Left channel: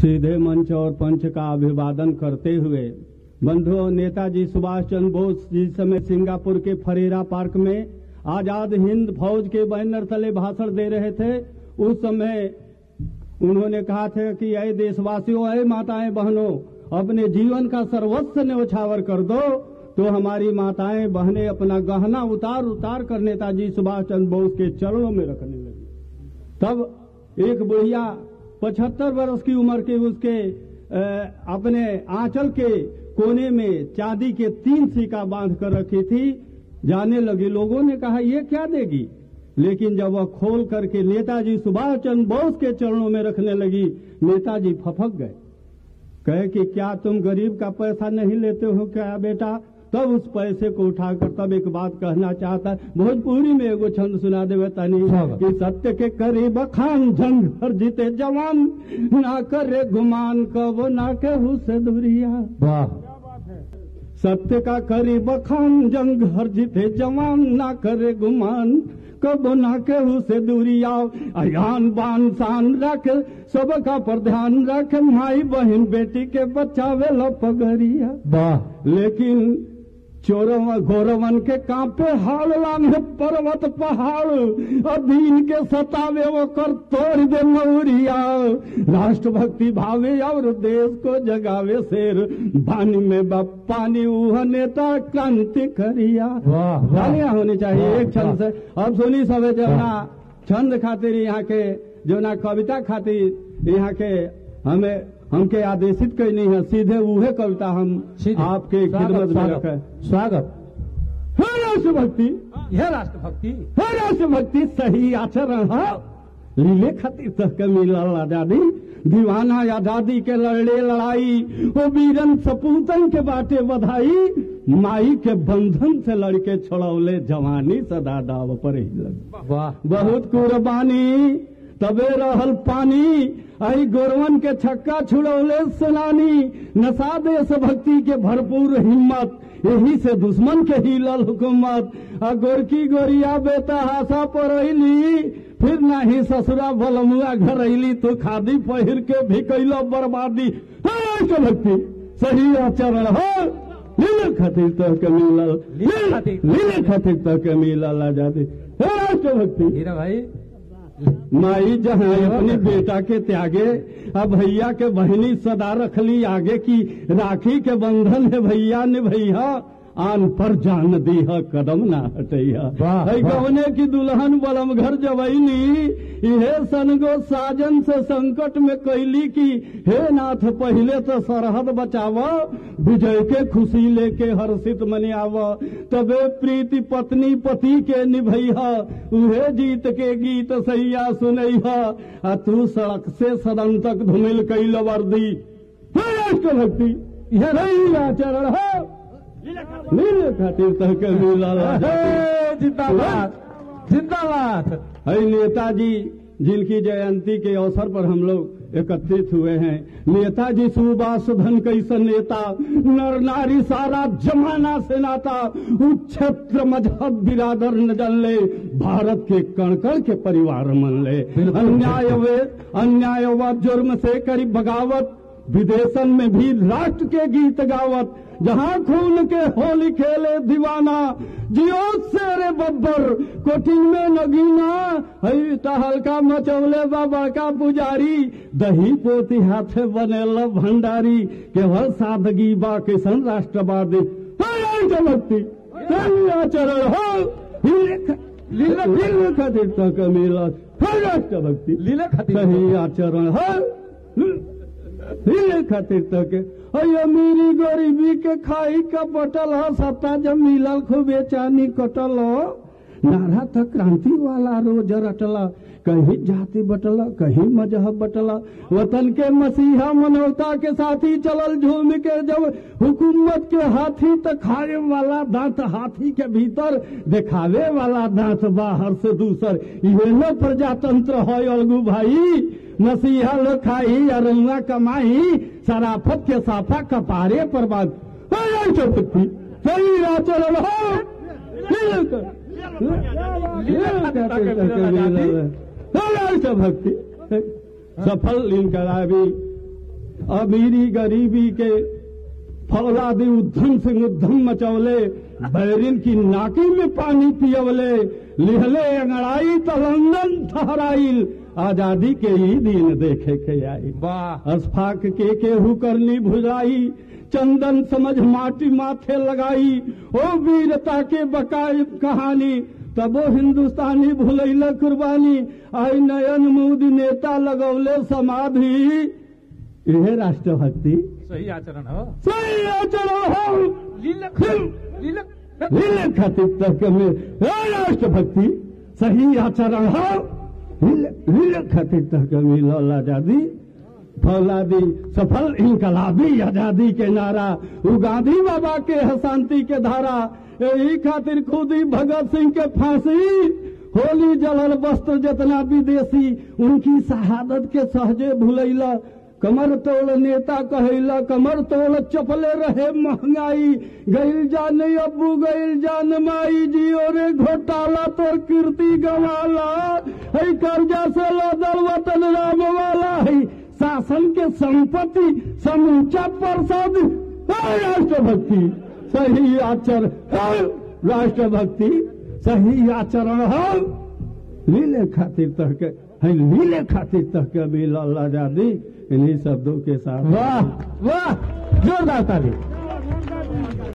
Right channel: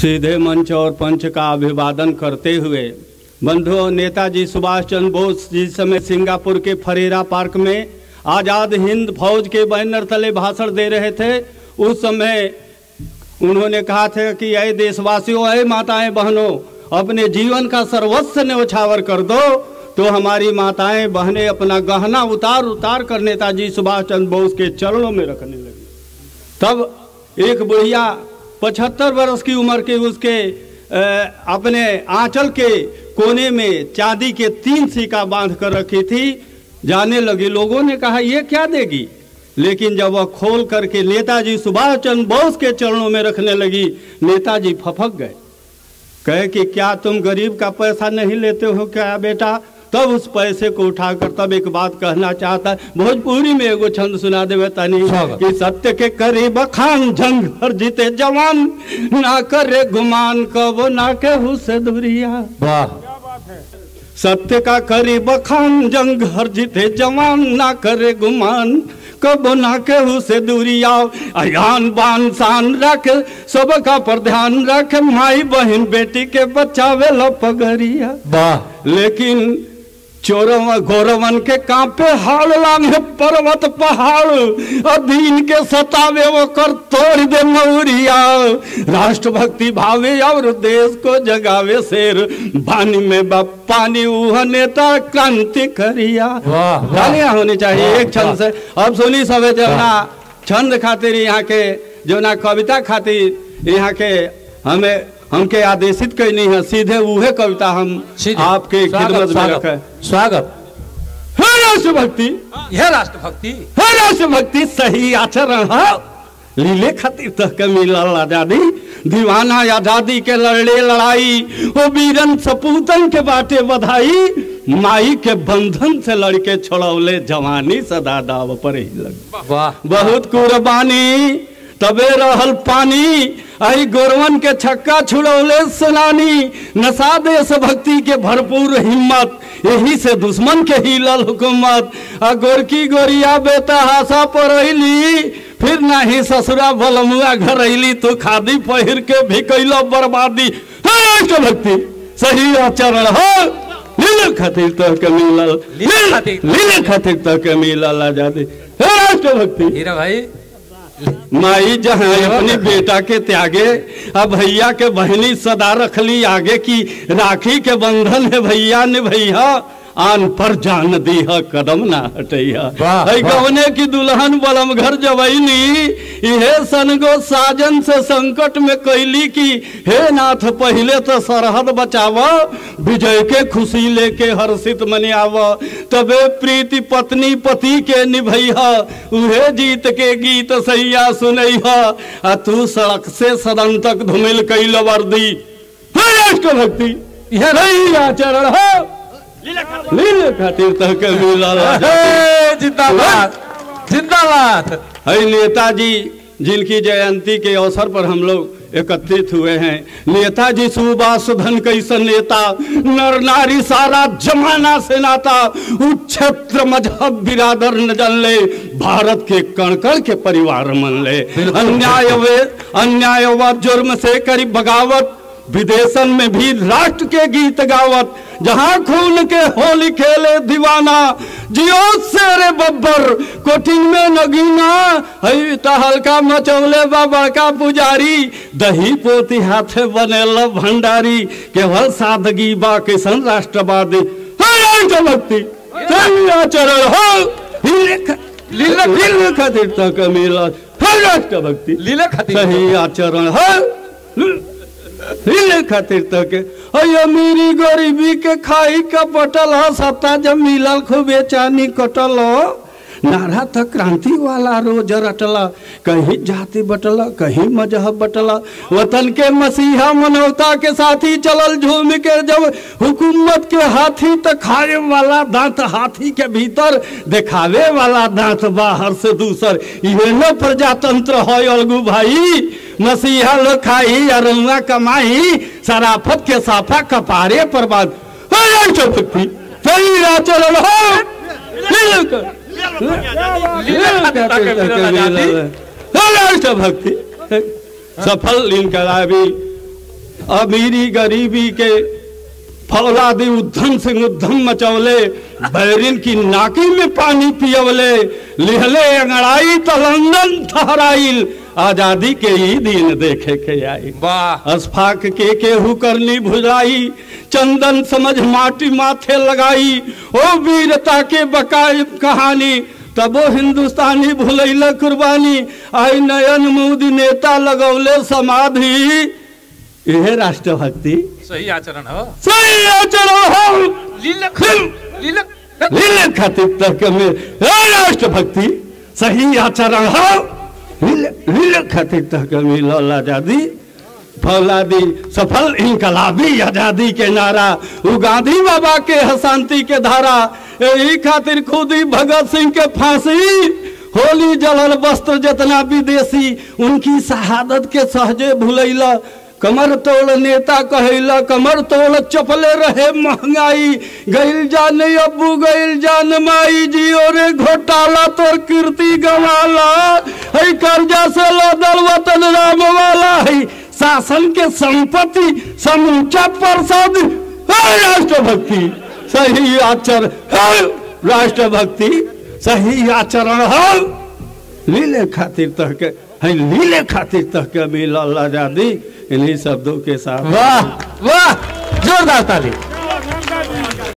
सीधे मंच और पंच का अभिवादन करते हुए बंधुओं, नेताजी सुभाष चंद्र बोस जिस समय सिंगापुर के फरेरा पार्क में आज़ाद हिंद फौज के बैनर तले भाषण दे रहे थे, उस समय उन्होंने कहा था कि ऐ देशवासियों, ऐ माताएं बहनों, अपने जीवन का सर्वस्व न्यौछावर कर दो। तो हमारी माताएं बहनें अपना गहना उतार उतार कर नेताजी सुभाष चंद्र बोस के चरणों में रखने लगी। तब एक बुढ़िया 75 वर्ष की उम्र के उसके अपने आंचल के कोने में चांदी के 3 सिक्का बांध कर रखी थी, जाने लगी। लोगों ने कहा ये क्या देगी, लेकिन जब वह खोल करके नेताजी सुभाष चंद्र बोस के चरणों में रखने लगी, नेताजी फपक गए। कहे कि क्या तुम गरीब का पैसा नहीं लेते हो क्या बेटा? तब उस पैसे को उठाकर तब एक बात कहना चाहता है। भोजपुरी में एगो छंद सुना देवे तनी कि सत्य के करीब खान जंग हर जीते जवान, ना करे गुमान कबो ना केहू से दूरिया। वाह, सत्य का करीब खान जंग हर जीते जवान, ना करे गुमान कबो ना केहू से दूरिया। अयान बान शान रख सबका पर ध्यान रख, माई बहन बेटी के बचावे ला पगरिया। वाह, लेकिन चोरव गौरवन के कांपे हाल लांघे पर्वत पहाड़, अधीन के सतावे वो कर तोड़ दे मौरिया। राष्ट्रभक्ति भावे और देश को जगावे शेर, पानी में पानी उह नेता क्रांति करिया। गालियां होनी चाहिए एक छंद से। अब सुनी सबे जवना छंद खातिर यहाँ के जवना कविता खातिर यहाँ के हमके आदेशित करनी है, सीधे वह कविता हम आपके खिदमत में रखे। स्वागत है राष्ट्रभक्ति, यह राष्ट्रभक्ति है राष्ट्रभक्ति सही आचरण है। लीले खातिर तक के मिलल आजादी, दीवाना आजादी के लड़े लड़ाई, वो वीरन सपूतन के बाटे बधाई। माई के बंधन से लड़के छोड़ौले जवानी, सदा दाव पर ही लग। वाह, बहुत कुर्बानी तबे रहल पानी, आई गोरवन के छक्का छुड़ौले सेनानी। नशा देश भक्ति के भरपूर हिम्मत, यही से दुश्मन के हिलल हुकूमत। आ गोरकी गोरिया बेटा हासा परैली, फिर नाही ससुरा बलमुआ घर अली। तो खादी पहिर के भी कैलो बर्बादी। राष्ट्रभक्ति सही आचरण हो, लीले खातिर तो के मिलल, लीले खातिर तो के मिलल आजादी। राष्ट्रभक्ति हीरा भाई, माई जहाँ अपनी बेटा के त्यागे, अब भैया के बहनी सदा रखली आगे की। राखी के बंधन है भैया ने भैया, आन पर जान दी है कदम ना हटैया। गवने की दुल्हन बलम घर जवैनी, इहे सनगो साजन से संकट में कैली की। हे नाथ पहले तो सरहद बचावा, विजय के खुशी लेके हर्षित मनावा। तबे प्रीति पत्नी पति के निभैया, उहे जीत के गीत सैया सुनैहा। आ तू सड़क से सदन तक धुमिल कैल वर्दी। राष्ट्रभक्ति यह नहीं आचरण है, लीले खातिर तक मिलल। जिंदाबाद जिंदाबाद। है नेताजी जिनकी जयंती के अवसर पर हम लोग एकत्रित हुए हैं। नेताजी सुभाष धन कैसन नेता, नर नारी सारा जमाना से नाता। क्षेत्र मजहब बिरादर न जन ले, भारत के कण कण के परिवार मन ले। अन्याय व जुर्म से करी बगावत, विदेशन में भी राष्ट्र के गीत गावत। जहां खून के होली खेले दीवाना, जियो शेरे बब्बर कोठिन में नगीना। हई हल्का मचौले बा बड़का पुजारी, दही पोती हाथे बनेल भंडारी। केवल सादगी बा किसन राष्ट्रवादी। राष्ट्रभक्ति आचरण हो, लीले खातिर तक मिलल। राष्ट्रभक्ति लीले खातिर सही आचरण हो, लीले खातिर तक। अमीरी गरीबी के खाई का बटल हो, सत्ता जब मिलल खूबे चानी कटल हो। नारा तो क्रांति वाला रोज रटला, कहीं जाति बटला कहीं मजहब बटला। वतन के मसीहा मनवता के साथी चलल झूम के जब हुकूमत के हाथी, तो खाए वाला दांत हाथी के भीतर, दिखावे वाला दांत बाहर से दूसर। ये न प्रजातंत्र है अलगू भाई, मसीहा लोग खाई अरुआ कमाई। शराफत के साफा कपारे पर बात। राष्ट्रभक्ति सही आचरण हो, राष्ट्रभक्ति सफल इनकलाबी अमीरी गरीबी के फौलादी उद्धम सिंह उद्धम मचौले, बैरिन की नाकी में पानी पियवले, लिहले अंगड़ाई तो लंदन ठहराइल, आजादी के ही दिन देखे के आई। वाह अस्फाक के केहू करनी भुजाई, चंदन समझ माटी माथे लगाई, ओ वीरता के बकाय कहानी, तबो हिंदुस्तानी भुलैला कुर्बानी, आई नयन मोदी नेता लगौले समाधि। यह राष्ट्रभक्ति सही आचरण हो, सही आचरण हो, लीले खातिर तक में राष्ट्रभक्ति सही आचरण हो, लीले खातिर तक में लौला आजादी फौलादी सफल इनकलाबी आजादी के नारा, वो गांधी बाबा के हसांती के धारा, यही खातिर खुदी भगत सिंह के फांसी, होली जलल वस्त्र जितना विदेशी, उनकी शहादत के सहजे भुलैला, कमर तोड़ नेता कहला, कमर तोड़ चपले रहे महंगाई, गइल जान अब्बू गइल जान माई, जियो रे घोटाला तोर कीर्ति गवाला, है कर्जा से लदल वतन राम वाला, है शासन के संपत्ति समूचा प्रसाद, है राष्ट्रभक्ति सही आचरण, है राष्ट्रभक्ति सही आचरण हो, लीले खातिर तक है, लीले खातिर तक मिलल आजादी। इन्हीं शब्दों के साथ वाह वाह, जोरदार ताली।